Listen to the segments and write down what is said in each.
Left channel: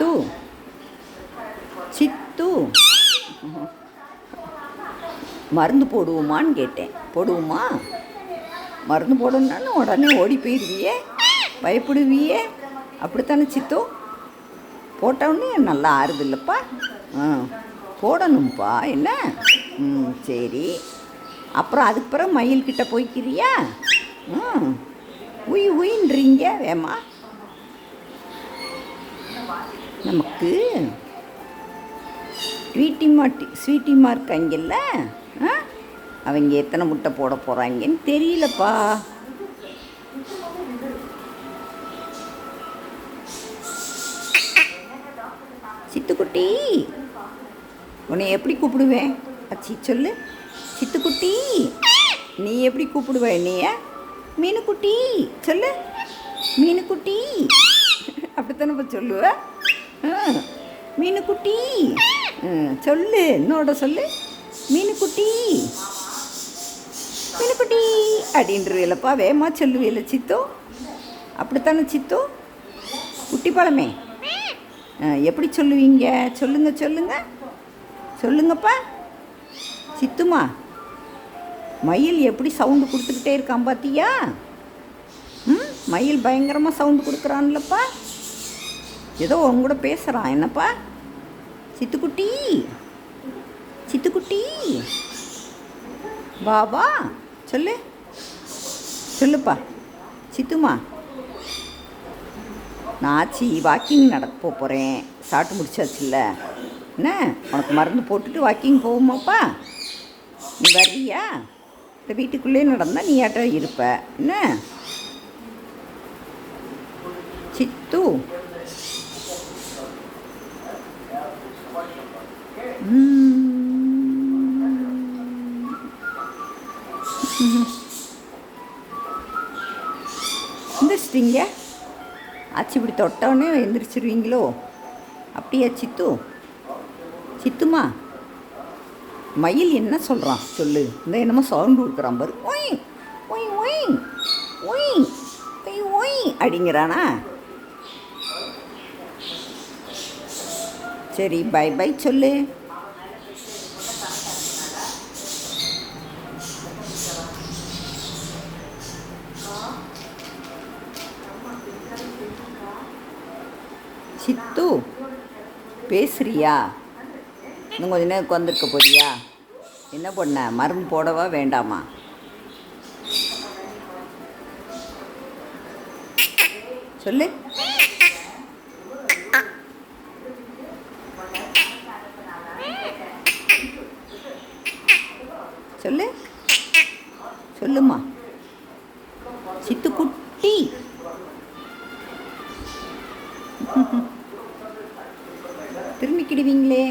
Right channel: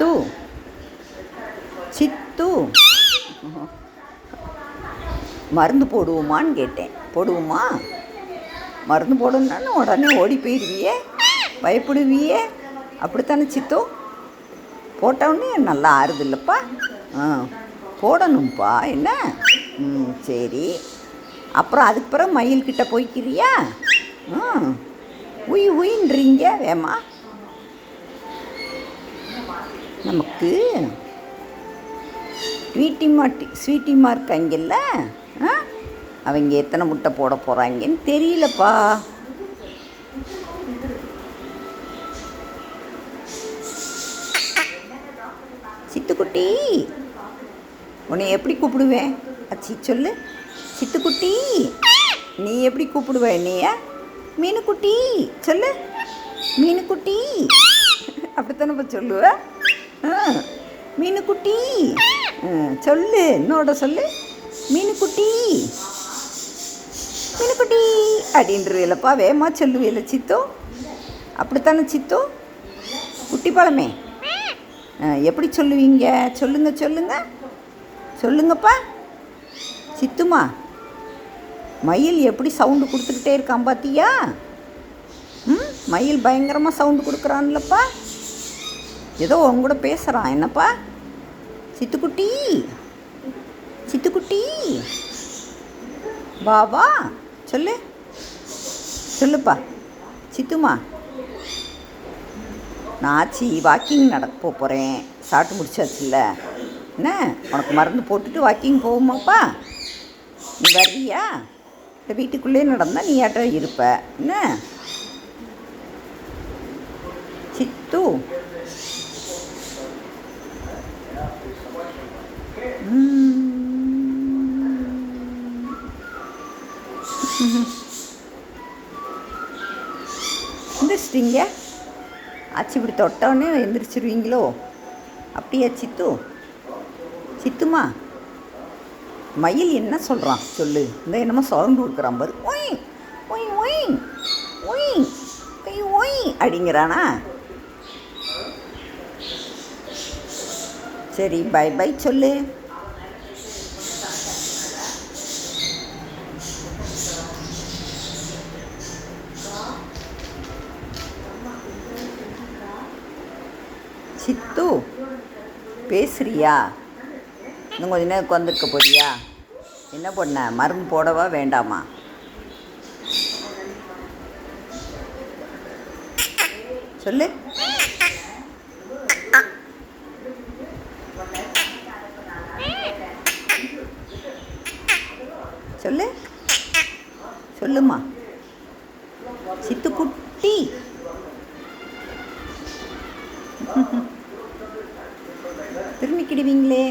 சித்து சித்து மருந்து போடுவோமான்னு கேட்டேன். போடுவோமா? மருந்து போடணுன்னு உடனே ஓடி போயிடுவியே, பயப்படுவியே, அப்படித்தானே சித்து? போட்டவுடனே நல்லா ஆறுது இல்லைப்பா? போடணும்ப்பா. என்ன? சரி. அப்புறம் அதுக்கு பிறகு மயில்கிட்ட போய்க்கிறியா? உய் உயின்றீங்க வேமா. நமக்கு ஸ்வீட்டிமா இருக்காங்கல்ல, அவங்க எத்தனை முட்டை போட போகிறாங்கன்னு தெரியலப்பா. சித்துக்குட்டி, உன்னை எப்படி கூப்பிடுவேன்? அச்சி சொல்லு. சித்துக்குட்டி, நீ எப்படி கூப்பிடுவேன்? நீ மீனுக்குட்டி சொல்லு. மீனுக்குட்டி அப்படித்தானப்பா சொல்லுவ. மீனுக்குட்டி சொல்லு. என்னோட சொல்லு. மீனுக்குட்டி மீனுக்குட்டி அப்படின்றவில்லப்பா. வேகமா சொல்லுவில்ல சித்து? அப்படித்தானே சித்து? குட்டி பழமே எப்படி சொல்லுவீங்க? சொல்லுங்கப்பா. சித்துமா, மயில் எப்படி சவுண்டு கொடுத்துக்கிட்டே இருக்கான் பார்த்தியா? மயில் பயங்கரமாக சவுண்டு கொடுக்குறான்லப்பா. ஏதோ அவங்க கூட பேசுகிறான். என்னப்பா? சித்துக்குட்டி பாபா சொல்லுப்பா. சித்துமா, நான் ஆச்சி வாக்கிங் நடக்க போகிறேன். சாப்பிட்டு முடிச்சாச்சுல்ல, என்ன உனக்கு மருந்து போட்டுட்டு வாக்கிங் போகுமாப்பா? நீ வர்றியா? இந்த வீட்டுக்குள்ளே நடந்தால் நீ ஆட்ட இருப்ப. என்ன சித்து? எந்திரிச்சிட்டிங்க? ஆச்சி இப்படி தொட்டவுடனே எந்திரிச்சிருவீங்களோ? அப்படியா சித்துமா? மயில் என்ன சொல்கிறான் சொல்லு. இந்த என்னமோ சவுண்டு கொடுக்குறான் பாரு. ஒய் ஒய் ஒய் ஒய் ஒய் ஒய் அப்படிங்கிறானா? சரி, பை பை சொல்லு. சித்து, பேசுறியா? இன்னும் கொஞ்ச நேரம் உட்காந்துருக்க போறியா? என்ன பண்ண? மருந்து போடவா வேண்டாமா? சொல்லு. சொல்லுமா. சித்துக்குட்டி திரும்பிக்கிடுவீங்களே.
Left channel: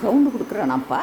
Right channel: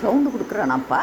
சவுண்டு கொடுக்குறானாப்பா.